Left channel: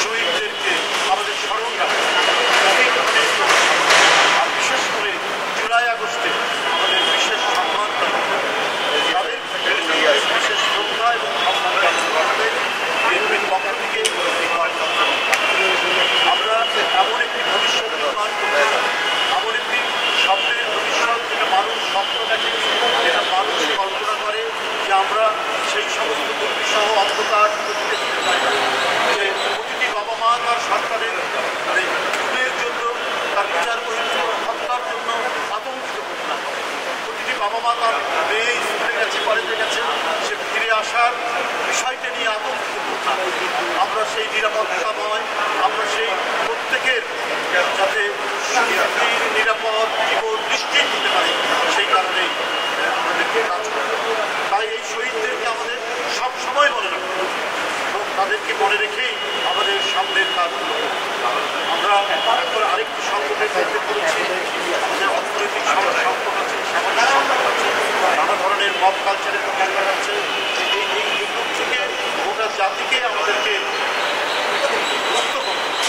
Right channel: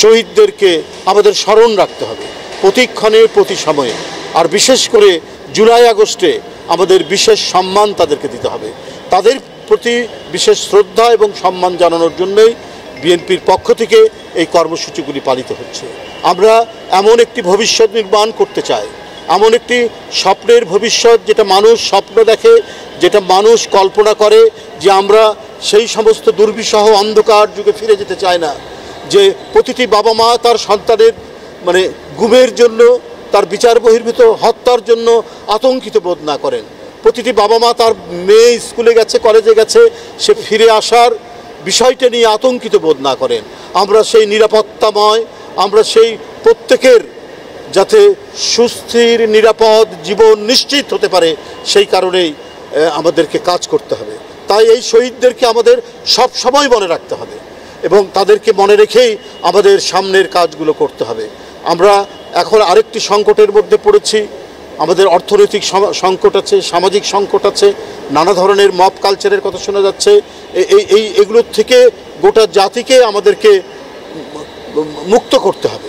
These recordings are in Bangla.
শহীদদেরকে আমাদের স্মরণ রাখতে হবে প্রতিক্ষণে প্রতি সময়ে। আর বিশেষ করে জুলাই আগস্টে আমাদের বিশেষ সম্মান তাদেরকে দিতে হবে। তাদের প্রতি বিশেষ শ্রদ্ধা এবং সম্মান জানানোর জন্যই বিএনপির পক্ষ থেকে এই কর্মসূচিগুলি পালিত হচ্ছে। আমরা এমন একটি ভবিষ্যৎ নির্মাণ করতে চাই, এমন একটি স্বপ্নের ভবিষ্যৎ যেটা মানুষ স্বপ্ন দেখে, যেটা মানুষ কল্পনা করে, যে আমরা সেই সমস্ত দুর্বিষহ অন্ধকার যুগে ফিরে যেতে চাই না, যে প্রতিটি বাবা মা তার সন্তানের গুমের জন্য, তার বিচার বহির্ভূত হত্যার জন্য আতঙ্কিত বোধ না করেন। প্রতিটি বাবা মা তার মেয়ে স্কুলে গেছে, কলেজে গেছে, সে ফিরে আসার বিষয়টা নিয়ে আতঙ্কিত বোধ না করেন। আমরা সেই নিরাপত্তাময়, আমরা সেই প্রত্যেকের যাতে সুস্থির নিরাপদ জীবন নিশ্চিত হতে পারে, সেই কারণেই আমাদেরকে কাজ করতে হবে। তাই এই শহীদদেরকে আমাদের সব সময় মনে রাখতে হবে এবং তাদেরকে মনে রেখেই আমাদের সামনের কাজগুলো করতে হবে। আমরা এখন আরেকটি সংকটের মধ্যে পড়েছি। আমাদের অর্থনৈতিক সংকট আছে, সামাজিক সংকট আছে, নানা ধরনের মব কালচারের কথা শোনা যাচ্ছে। এগুলোর থেকে গোটা জাতিকে আমাদেরকে মুক্ত করতে হবে।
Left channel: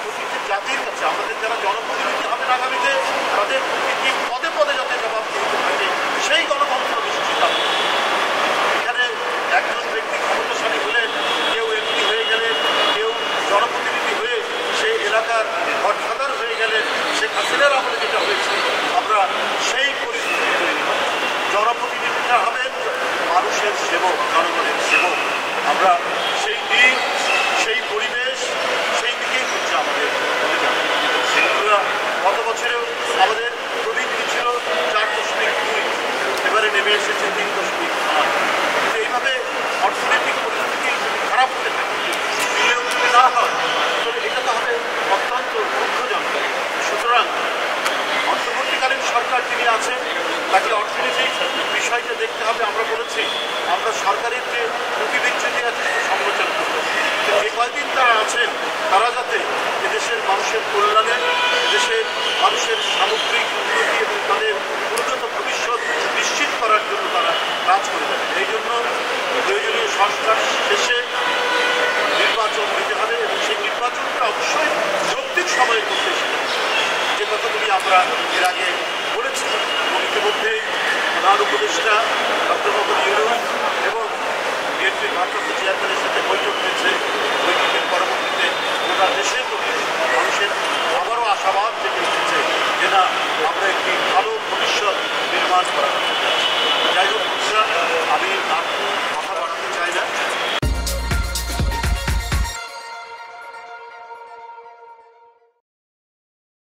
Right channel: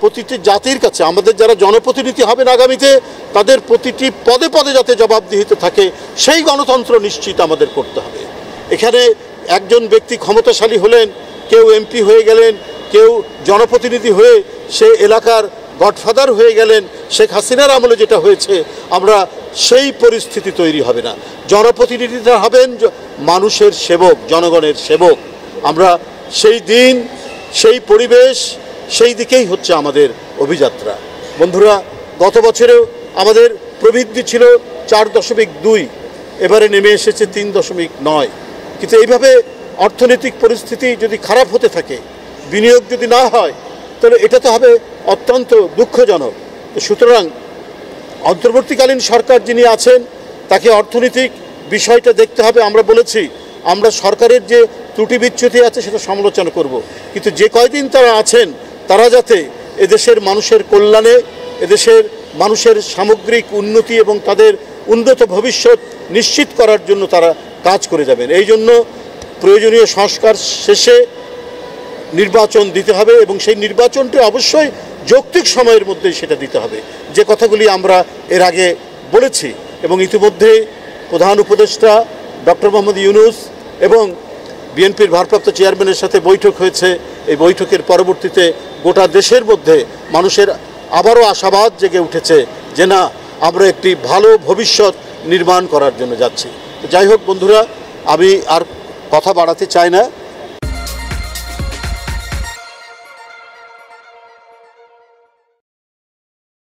প্রতিটি জাতির কাছে আমাদের যারা জনপ্রতিনিধি হবেন আগামীতে, তাদের প্রতিটি পদে পদে যাতে জবাবদিহিতে থাকে, সেই গণতন্ত্র নিশ্চিত আমাদের করতে হবে। এখানে একজন ব্যক্তি ক্ষমতাশালী হলেন, কেউ এমপি হয়ে গেলেন, কেউ জনপ্রতিনিধি হয়ে সে এলাকার গডফাদার হয়ে গেলেন। শেখ হাসিনার আমলে যেটা হয়েছে, আমরা সেই পরিস্থিতি তৈরি হবে না। জনপ্রতিনিধিরা হবেন মানুষের সেবক, জনগণের সেবক। আমরা সেই দিন, সেই পরিবেশ, সেই দিকেই হচ্ছে আমাদের অভিযাত্রা। বন্ধুরা, গত বছরেও আমাদের প্রবৃদ্ধি ছিল 4.2, এবারে নেমে এসেছে 3.9। কিন্তু এইভাবে অর্থনৈতিক পরিস্থিতি যদি খারাপ হতে থাকে, বিনিয়োগ যদি না হয়, তাহলে এটা তো হবে অত্যন্ত দুঃখজনক। সুতরাং অন্তর্বর্তীকালীন সরকার যিনি আছেন, তাকে অর্থনৈতিক বিষয়টা দেখতে হবে। আমরা বলেছি আমরা সরকারের যে ত্রুটি বিচ্যুতি আছে সেটা সমালোচনা করব, কিন্তু যে কয়দিন তারা আছেন তারা যাতে এদেশের মানুষের কল্যাণে, এদেশের মানুষের সামগ্রিক উন্নতি এবং তাদের উন্নত ভবিষ্যৎ নিশ্চিত করার জন্য তারা কাজ করে যাবেন। এই জন্য প্রয়োজনীয় সংস্কার শেষে নির্বাচন দিতে হবে এবং সেই নির্বাচনটি অবশ্যই যৌক্তিক সময়ের মধ্যেই সেটা দিতে হবে, যে কথাগুলি আমরা এর আগে বলেছি। এবং ইতিমধ্যে প্রধান উপদেষ্টা ডক্টর মোহাম্মদ ইউনূস এবং বিএনপির ভারপ্রাপ্ত চেয়ারম্যানের সাথে বৈঠক হয়েছে। এই বৈঠকের পরবর্তীতে গোটা দেশের মধ্যে মানুষের আবারও আশাবাদ জেগে উঠেছে যে না, আমরা একটি ভালো ভবিষ্যৎ নির্মাণ করার জন্য যাচ্ছি। যাই হোক বন্ধুরা, আমি আর কথা বাড়াতে চাই না।